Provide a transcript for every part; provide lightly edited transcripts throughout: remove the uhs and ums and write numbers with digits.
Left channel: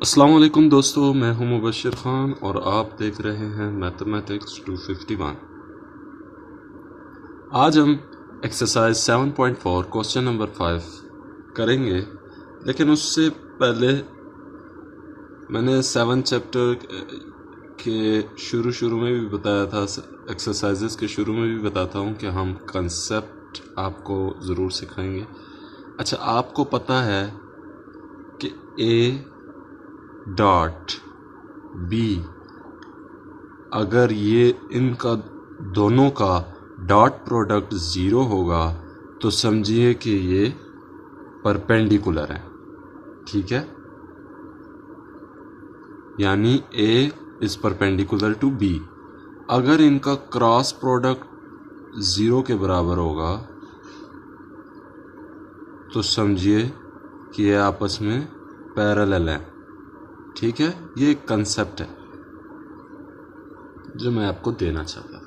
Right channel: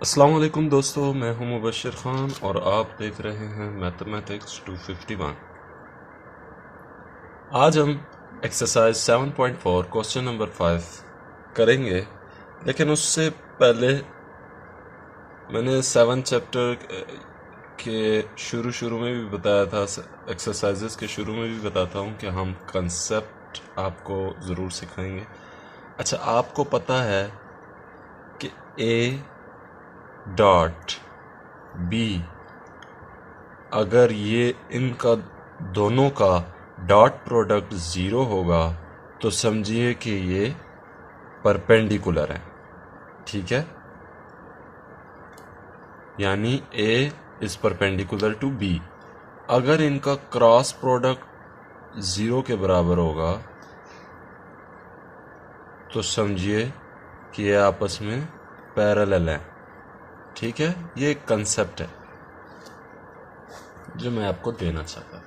अस्सलाम वालेकुम दोस्तों, मैं हूं मुबशर ख़ान और आप देख रहे हैं मैथमेटिक्स 251। आज हम एक्सरसाइज 7.4 क्वेश्चन नंबर 5 करेंगे, लेकिन उससे पहले मैंने 7 चैप्टर के शुरू में भी बताया था, एक्सरसाइजेस के शुरू में भी बताता हूं कि हम कंसेप्ट आपको ज़रूर सिखाएंगे। अच्छा, आपको पता है कि ए डॉट बी, अगर ये इनका दोनों का डॉट प्रोडक्ट ज़ीरो होगा तो समझिए कि ये परपेंडिकुलर है। ठीक है, यानी A is perpendicular to B. अगर इनका क्रॉस प्रोडक्ट ज़ीरो के बराबर होगा तो समझिए कि ये आपस में पैरेलल है। ठीक है, ये एक कंसेप्ट है जो मैं आपको देना चाहता हूँ।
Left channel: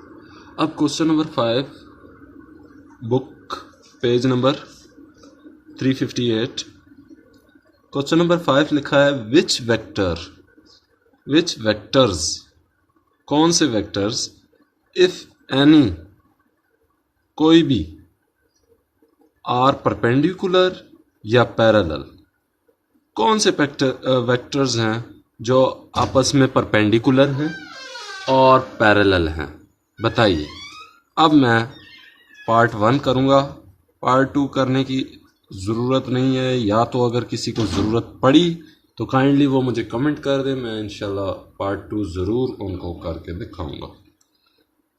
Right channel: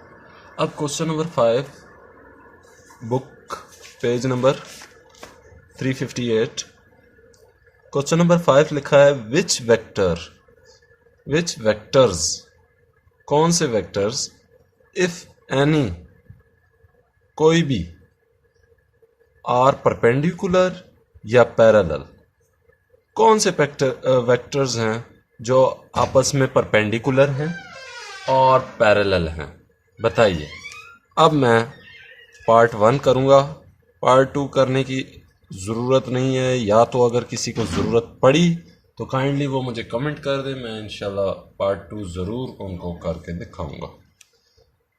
अब question number 5, book page number 358, question number 5 लिखा है विच वेक्टर्स, कौन से वेक्टर्स, इफ एनी, कोई भी, आर परपेंडिकुलर या पैरेलल, कौन से वेक्टर्स हैं जो आपस में परपेंडिकुलर हैं और पैरेलल हैं, बताइए। अब मैं पार्ट 1 करूँगा, पार्ट 2 करने की ज़रूरत नहीं है, या तो अगर किसी को ज़रूरत पड़ी तो काइंडली वो मुझे कमेंट कर दे, मैं इंशाल्लाह पार्ट 2 ज़रूर उनको करके दिखाऊंगा।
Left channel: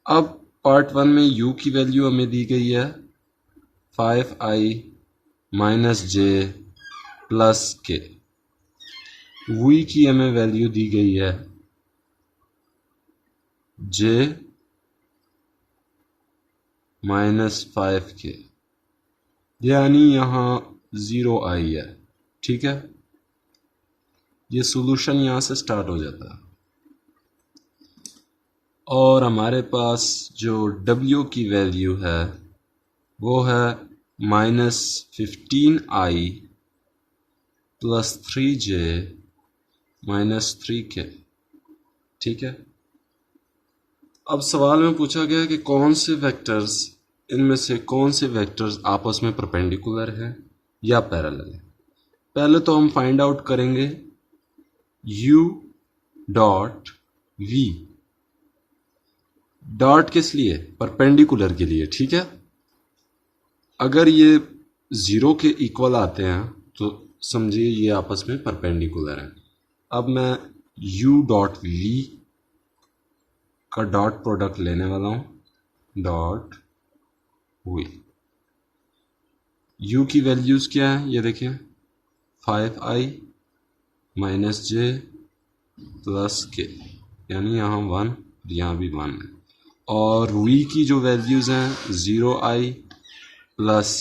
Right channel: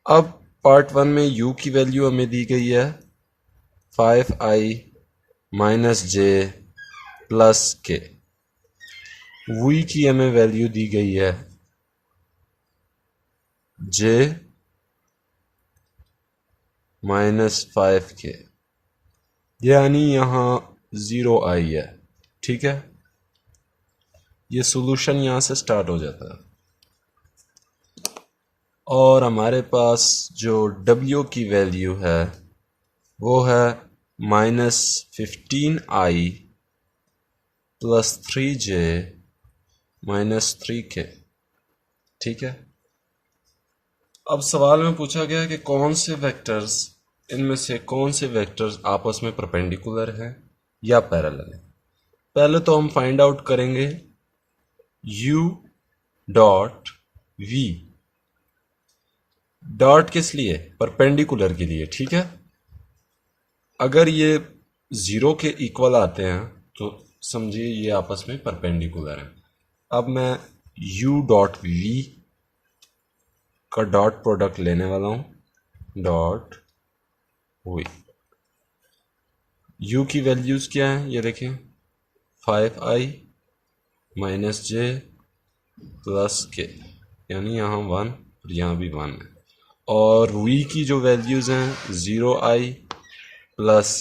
अब पार्ट 1 में u की वैल्यू हमें दी गई है 5i माइनस जे प्लस के, v की हमें वैल्यू दी गई है j माइनस 5k, यानी यहाँ 0i है। ठीक है, ये सोल्यूशन यहाँ से स्टार्ट हो जाता है और हमारे पास जो w की वैल्यू है वो है minus 15i plus 3j minus 3k। ठीक है, अब सवाल में पूछा गया कि कौन से वेक्टर्स, इनमें से कौन से वेक्टर्स आपस में परपेंडिकुलर हैं या पैरेलल हैं। पहले तो हम फाइंड आउट करेंगे u डॉट v, डॉट किस लिए, परपेंडिकुलर के लिए। ठीक है, अगर ये ज़ीरो के इक्वल आते हैं तो समझिए ये आपस में परपेंडिकुलर हैं। अब मैं u डॉट v का डॉट प्रोडक्ट लेने वाला हूँ, डॉट v। u की वैल्यूज़ क्या है ये देखें, 5i माइनस जे प्लस के, यानी यहाँ 1 और यहाँ भी 1 है। और v की जो वैल्यूज़ हैं 0i plus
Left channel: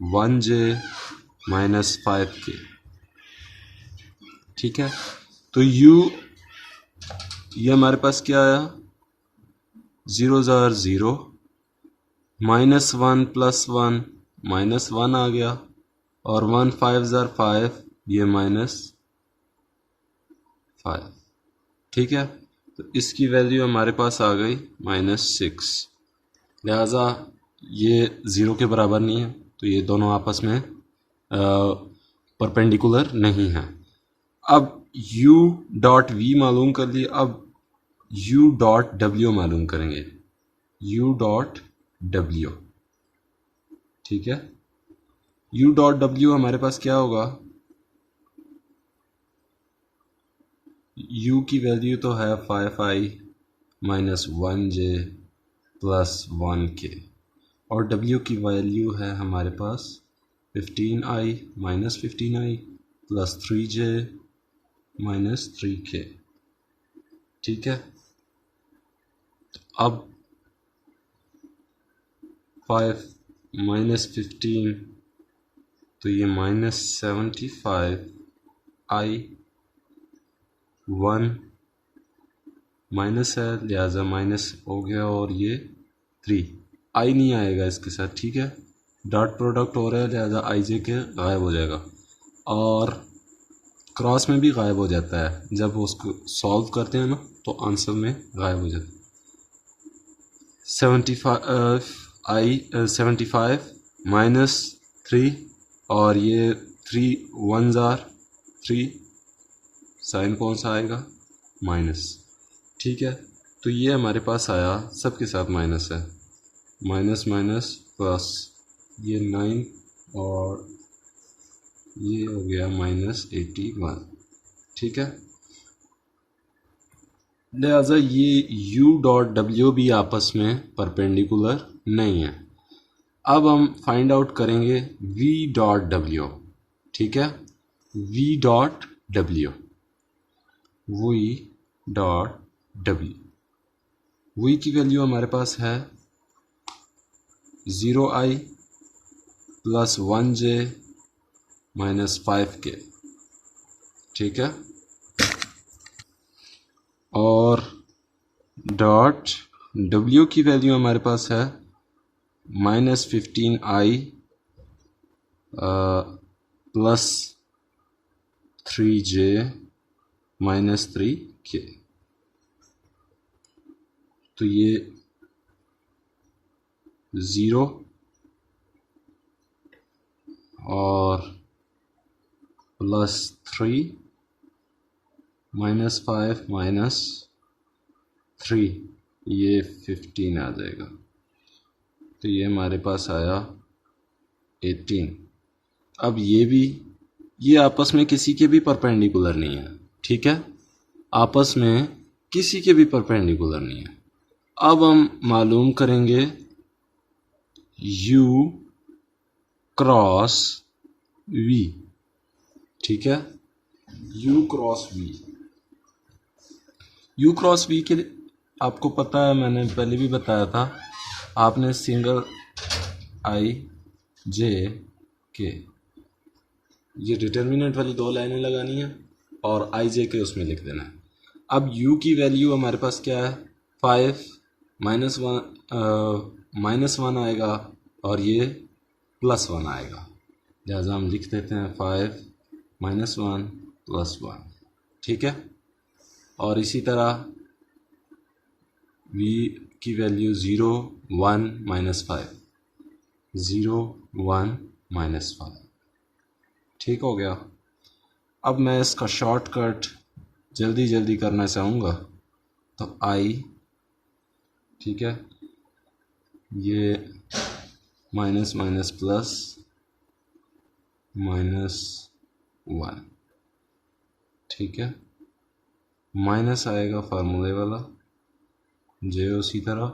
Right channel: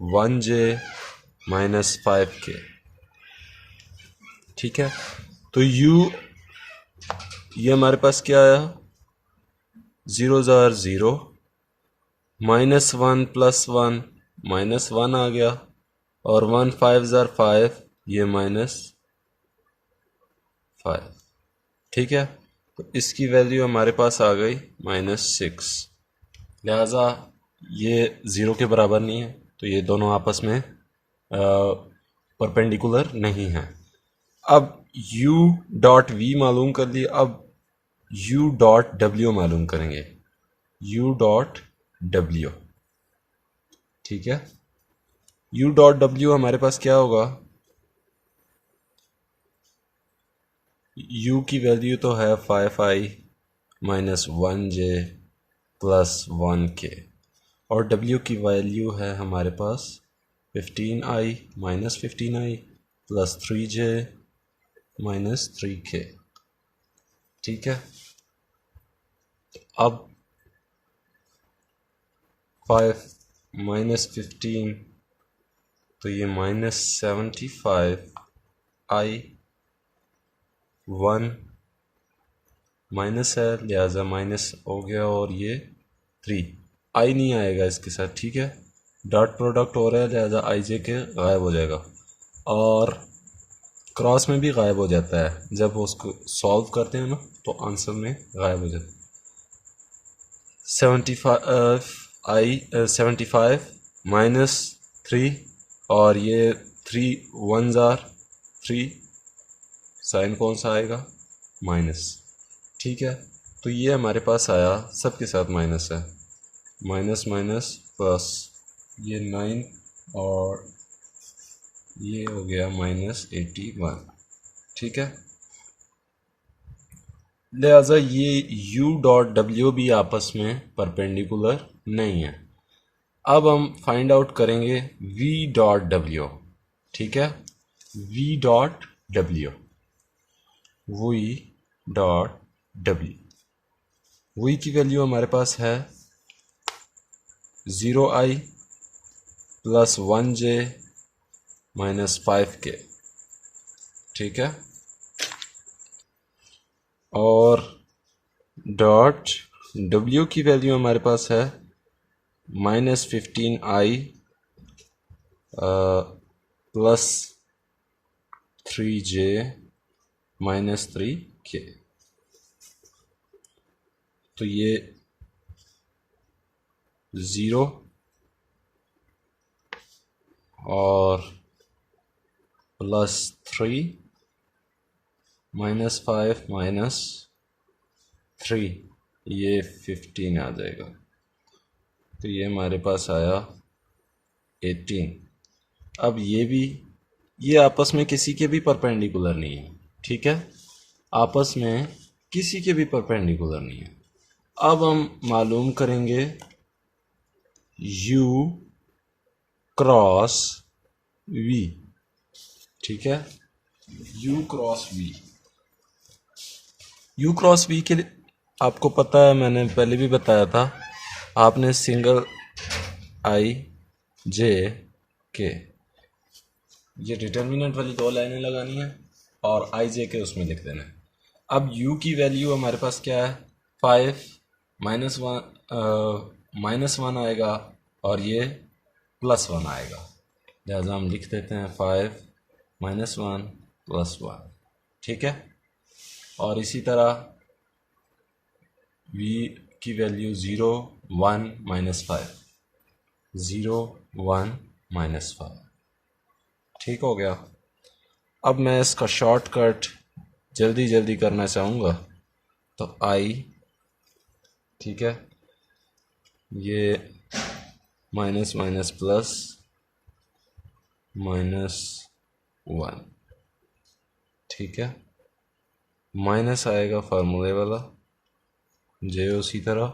1j minus 5k। ठीक है, तो u ये हमारे पास क्या आया, 0 ज़ार 0, माइनस 1 प्लस 1 माइनस 1 आ गया, और 1 5 ज़ार 5, ये माइनस 5। ठीक है, तो इसकी वैल्यू हमारे पास आ गई माइनस 6, लिहाजा ये ज़ीरो के बराबर नहीं है, तो ये दोनों आपस में परपेंडिकुलर नहीं हैं। अब u डॉट v मालूम कर लिए, अब u डॉट w मालूम करेंगे, u डॉट w। ठीक है, u डॉट w हमारे पास क्या होगा, u की वैल्यू तो है 5i minus 1j plus 1k, और w की वैल्यू है हमारे पास 15i minus 15i plus 3j minus 3k। ठीक है, अब 5 माइनस 15 तो ये माइनस 75, i 1 माइनस है, लिहाजा माइनस हो गया, और ये 3 आई नहीं आएगा इसके साथ। ठीक है, डॉट प्रोडक्ट हो रहा है, लिहाजा आई जे के गायब हो जाएगा, और क्रॉस में भी गायब हो जाता है, जब उसको सॉल्व करते हैं ना तो आंसर में गायब हो जाता है। 75 माइनस 3, और ये 3 1 ज़ार 3, साइन कौन सा आएगा, माइनस। ठीक है, तो ये हमारे पास आया, सबके साथ माइनस है, माइनस माइनस प्लस, ये 9 और ये हो गया -81। ठीक है, लिहाजा ये u डॉट डब्ल्यू भी आपस में परपेंडिकुलर नहीं है। अब हम फाइंड आउट करेंगे v डॉट डब्ल्यू। ठीक है, v dot W, v dot W, v की वैल्यू हमारे पास है 0i plus 1j minus 5k। ठीक है, और डॉट डब्ल्यू की वैल्यू हमारे पास है -15i plus 3j minus 3k। तो ये 0 और प्लस 3 -5 माइनस 3, ये 15 आ जाएगा। तो ये हमारे पास आया 18। अब ये आपस में किसी के भी परपेंडिकुलर नहीं है। ठीक है, आपस में किसी के भी परपेंडिकुलर नहीं है। अब हम मालूम करेंगे u क्रॉस v। ठीक है, u cross v, u cross v के लिए आपको पता है, मैंने पहले भी बताया था, आपने सिंगल i j के ये डिटर्मिनेंट वाली 2 लाइनें लगानी है और i j के उसमें लिख देना है। अब u की वैल्यू हमारे पास क्या है, 5 -1 आएगा और ये +1 आएगा, लिहाजा हम लिख देते हैं 5 -1 +1। ठीक है, और इसी तरह v की वैल्यू 0 1 -5, 0 1 -5। ठीक हो गया। अब मैं इसका शॉर्टकट जल्दी जल्दी करना चाहूँगा, तो i, ठीक है, ये माइनस माइनस प्लस -1। ठीक है, माइनस आएगा फार्मूले वाला, j उसी तरह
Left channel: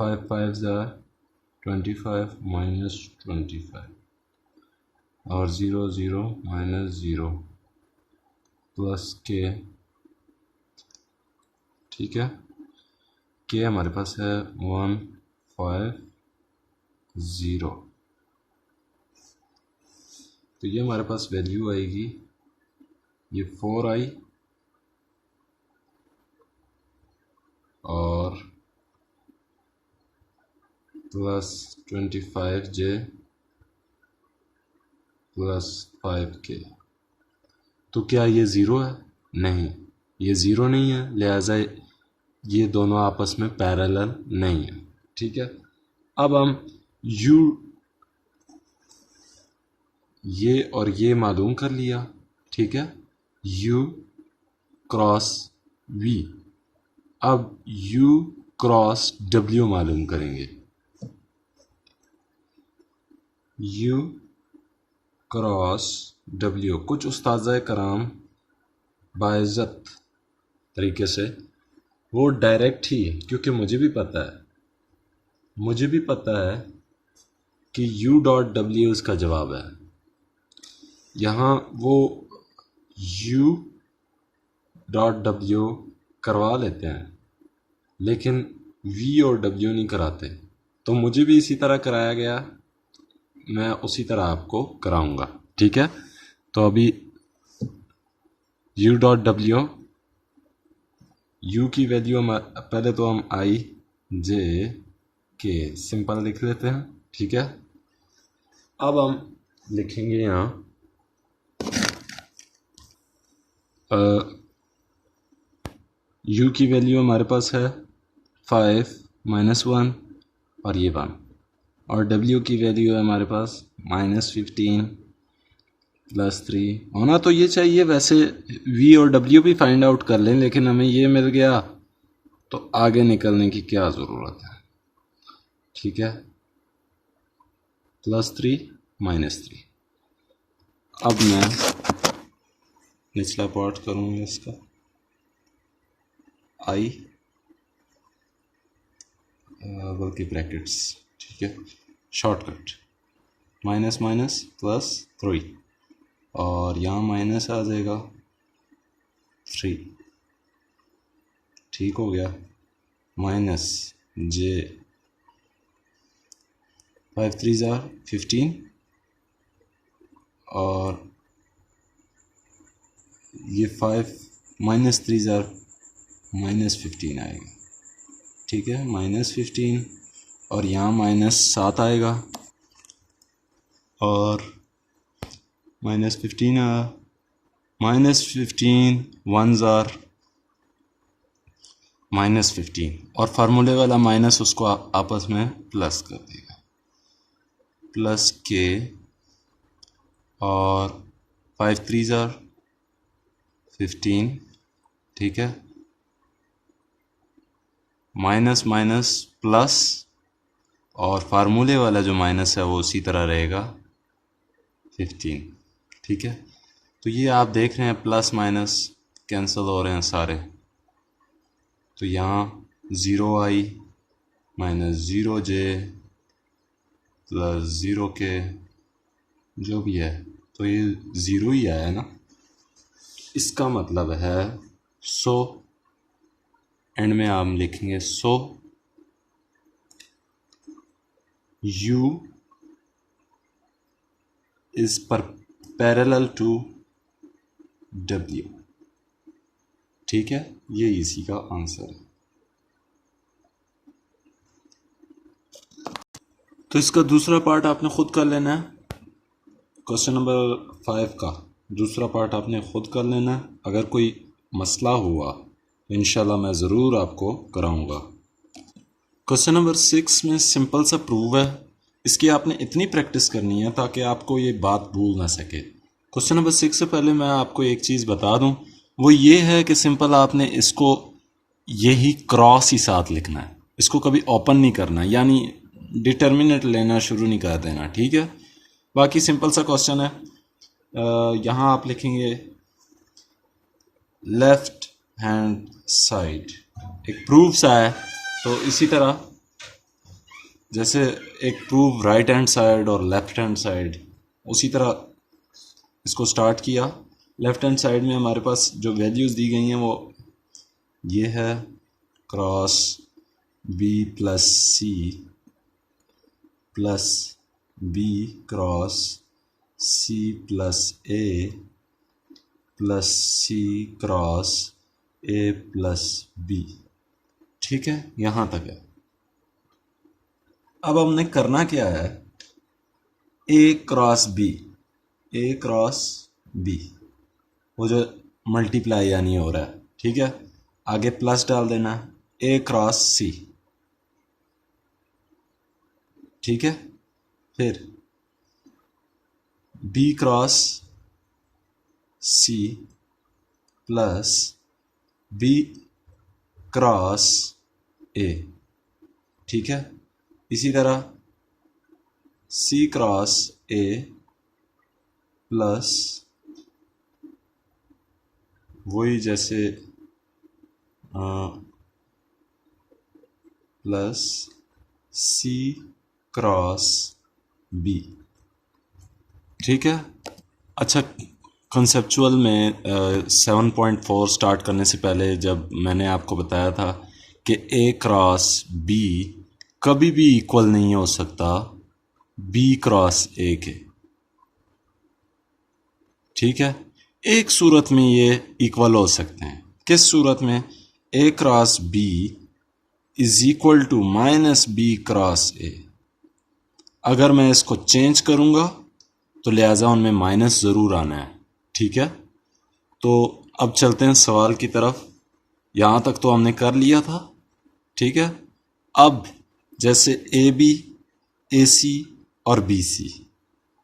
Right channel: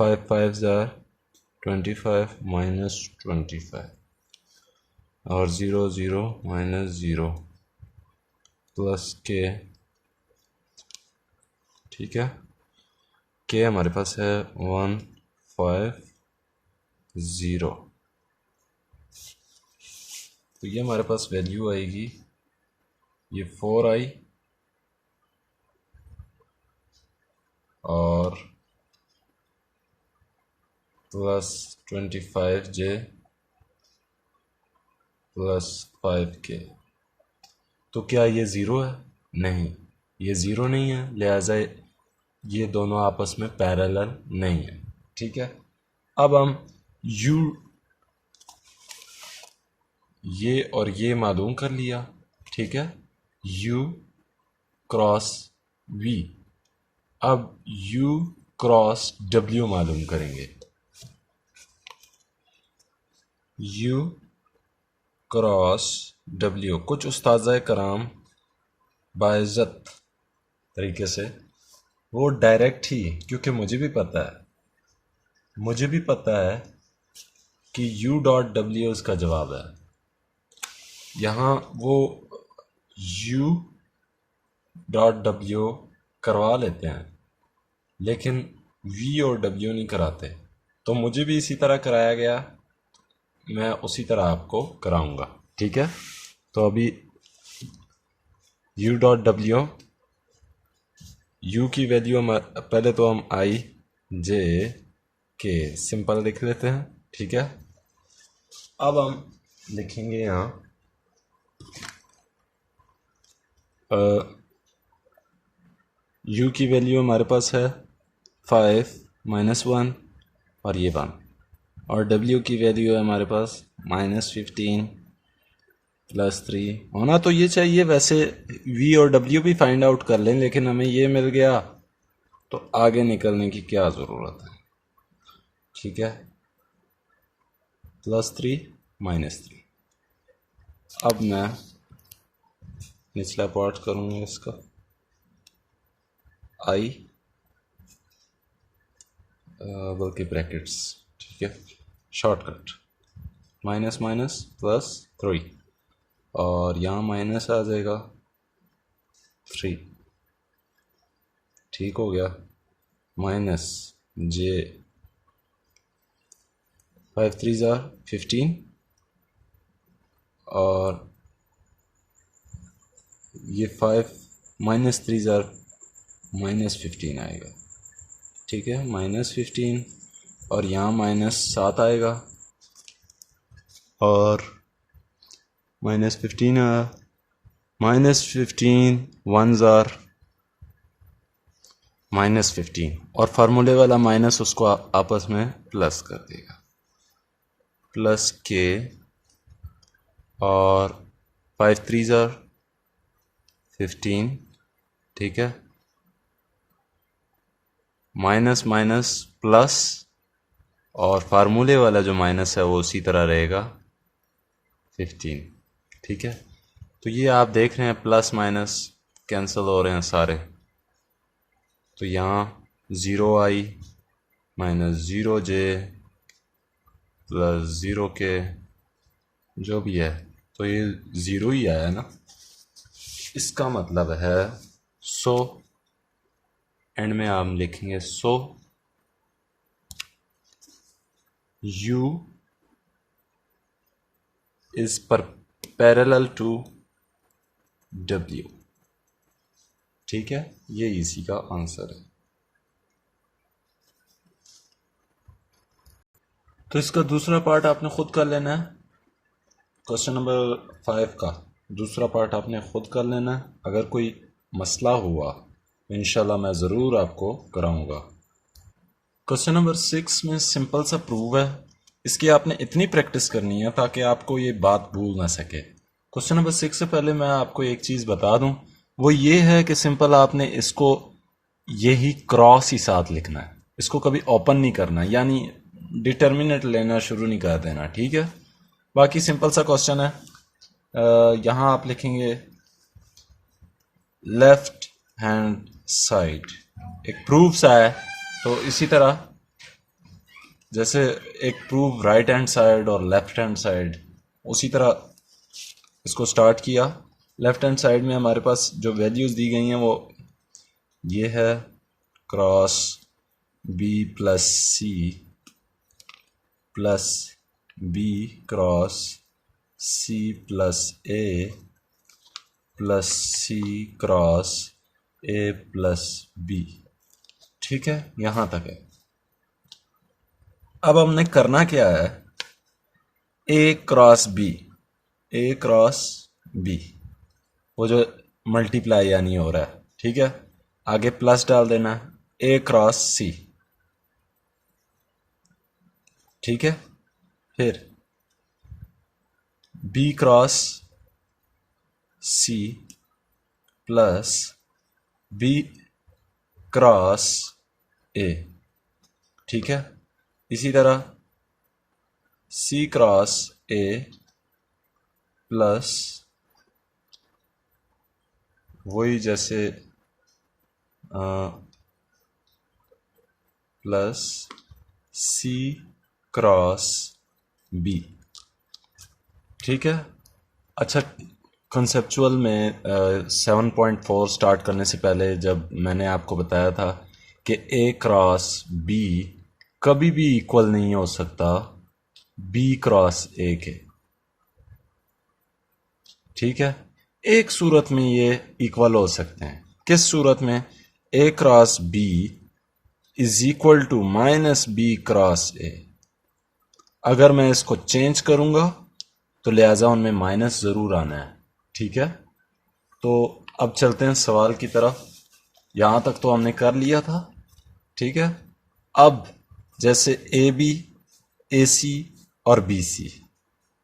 5 5 ज़ार 25 -25, और 0 0 -0 प्लस k। ठीक है, k हमारे पास है 1 5 0। तो ये हमारे पास वैल्यू आएगी, ये 4i और प्लस 25j प्लस 5k। तो क्या ये ज़ीरो है? नहीं, ये ज़ीरो नहीं है, लिहाजा ये दोनों आपस में पैरेलल नहीं है। ठीक है, अब हम u ये और ये मालूम कर लिया। ठीक है, u क्रॉस v। अब u क्रॉस w मालूम करेंगे। u क्रॉस w, कुछ उस्ताज़ कराम बाइज़्ज़त तरीके से वो डायरेक्ट ही, क्योंकि मुझे भी पता है कि u डॉट डब्ल्यू इसका जवाब है। यहाँ वो u डॉट डब्ल्यू करवा लेते हैं, लेकिन v और w नहीं कराते। तो मुझे भी इसी तरह कराया गया, मैं उसी तरह आपको कराऊंगा। ठीक है, तो अभी u डॉट डब्ल्यू, u की वैल्यू हम पहले तो हम i j के सिंपल लिख लेते हैं। ठीक है, अब हम लिखेंगे यहाँ u की वैल्यू हमारे पास है 5 -1 और ये 1, और w की वैल्यू है हमारे पास -15 +3। होना तो ये चाहिए, वैसे v और w भी फाइंड आउट कर लें, लेकिन हमें ये मिल गया तो आगे निकलने की क्या ज़रूरत है। ठीक है, +3 -3। अब मैं निचला पार्ट करूँगा इसका i बल्कि ब्रैकेट्स, ठीक है, शॉर्टकट -−+3, और यहाँ माइनस आ जाएगा 3, ठीक हो गया, -j 5 3 15, और ये 5 -3 -15 आएगा। ठीक है, -15, और यहाँ -7 आएगा, और -15 आया, -15 1 -15, और फार्मूले वाला माइनस उसको आपस में प्लस कर देगा, प्लस के, और 5 3 15, ठीक है, माइनस माइनस प्लस, और फार्मूले वाला जो माइनस है वो उसी तरह रहेगा 15। ठीक है, तो ये आप देख रहे हैं प्लस माइनस कैंसिल हो रहे हैं सारे, तो यहाँ 0i -0j +0k जो भी है, तो ये 0 ही आया ना। इसका मतलब है सो एंड में आप लिखेंगे so u is parallel to w। ठीक है, ये इसी का आंसर है। तो इसका दूसरा पार्ट आपने खुद कर लेना है, क्वेश्चन नंबर 5 का दूसरा पार्ट आपने खुद कर लेना है। अगर कोई मसला हुआ तो इंशाल्लाह मैं ज़रूर आपको कराऊंगा। क्वेश्चन नंबर 6 में सिंपल सा प्रूव है, इसकी आपने इतनी प्रैक्टिस करनी है ताकि आपको ये बात भूल ना सके। क्वेश्चन नंबर 6 से पहले मैं आपको एक चीज़ बता दूं, वो ये है कि सिंपल आपने इसको यही क्रॉस ही साथ लिखना है, इसको कभी ओपन नहीं करना, यानी डिटर्मिनेंट लेना शुरू नहीं कर देना। ठीक है, बाकी सिंपल सा क्वेश्चन है। यहाँ आप लिखेंगे लेफ्ट हैंड साइड, एक प्रूफ सा है, तो इसी तरह जैसे एक प्रूफ राइट हैंड साइड और लेफ्ट हैंड साइड, उसी तरह इसको स्टार्ट किया। लेफ्ट हैंड साइड में हमारे पास जो वैल्यूज़ दी गई हैं वो ये है cross b + c plus b cross c + a plus c cross a + b। ठीक है, यहाँ तक है। अब हमने करना क्या है, a क्रॉस b, वो जो मल्टीप्लाई यानी हो रहा है, ठीक है, आगे प्लस डाल देना a क्रॉस c। ठीक है, फिर b cross c plus b cross a। ठीक है, इसी तरह c क्रॉस a प्लस वही जैसे प्लस c क्रॉस b। ठीक है, अच्छा, कंसेप्चुअल में 7.4 स्टार्ट करने से पहले जब मैंने आपको बताया था कि a क्रॉस b कभी भी इक्वल नहीं हो सकता b क्रॉस a के। ठीक है, एक सूरत में ये इक्वल हो सकते हैं, किस सूरत में, a cross b is equal to -b cross a। अगर मैं इसको चेंज करूंगा तो लिहाजा उनमें माइनस ज़रूर आना है। ठीक है, तो अब चलते हैं सवाल की तरफ। यहाँ तक तो हमने कर लिया था, ठीक है। अब जैसे ए बी, ए सी और बी सी,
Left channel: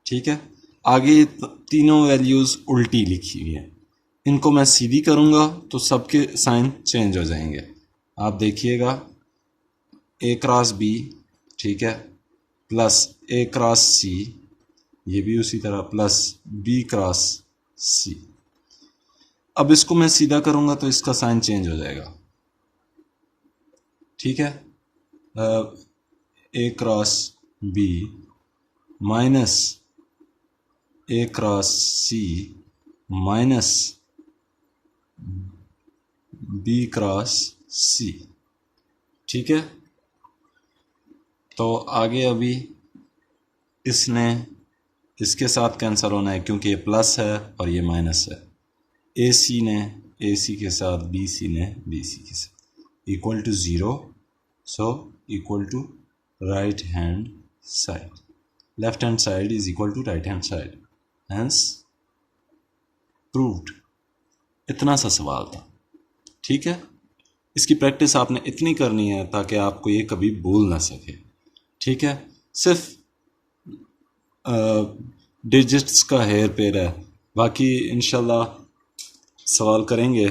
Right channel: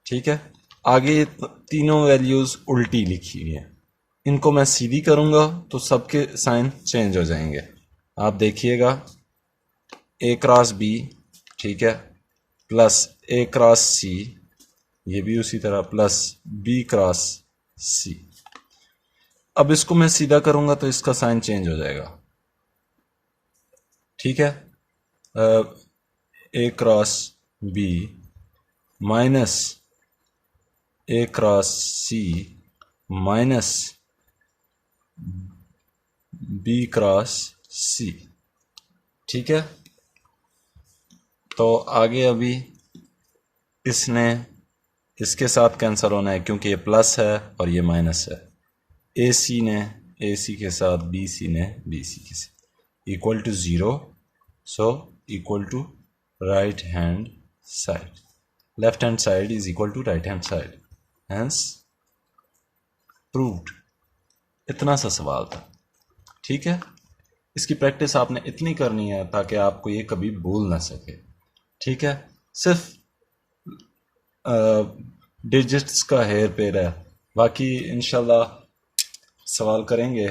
ठीक है, आगे ये तीनों वैल्यूज़ उल्टी लिखी हुई हैं। इनको मैं सीधी करूँगा तो सबके साइन चेंज हो जाएंगे। आप देखिएगा, ए क्रॉस बी, ठीक है, प्लस ए क्रॉस सी, ये भी उसी तरह, प्लस बी क्रॉस सी। अब इसको मैं सीधा करूँगा तो इसका साइन चेंज हो जाएगा, ठीक है। ए क्रॉस बी माइनस ए क्रॉस सी माइनस बी क्रॉस सी, ठीक है। तो आगे अभी इसने इसके साथ कैंसिल होना है क्योंकि ये प्लस है और ये माइनस है। ए सी ने ए सी के साथ, बी सी ने बी सी के साथ, equal to zero, so equal to right hand side, left hand side is equal to right hand side, hence proved. इतना सा सवाल था, ठीक है। इसकी प्रैक्टिस आपने इतनी करनी है ताकि आपको ये कभी भूल ना सके, ठीक है। सिर्फ डिजिट्स का हेर फेर है, बाकी इंशाल्लाह सवाल करेंगे।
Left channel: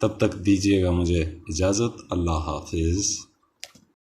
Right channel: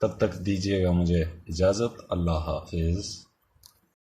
तब तक दीजिएगा मुझे इजाज़त। अल्लाह हाफिज़।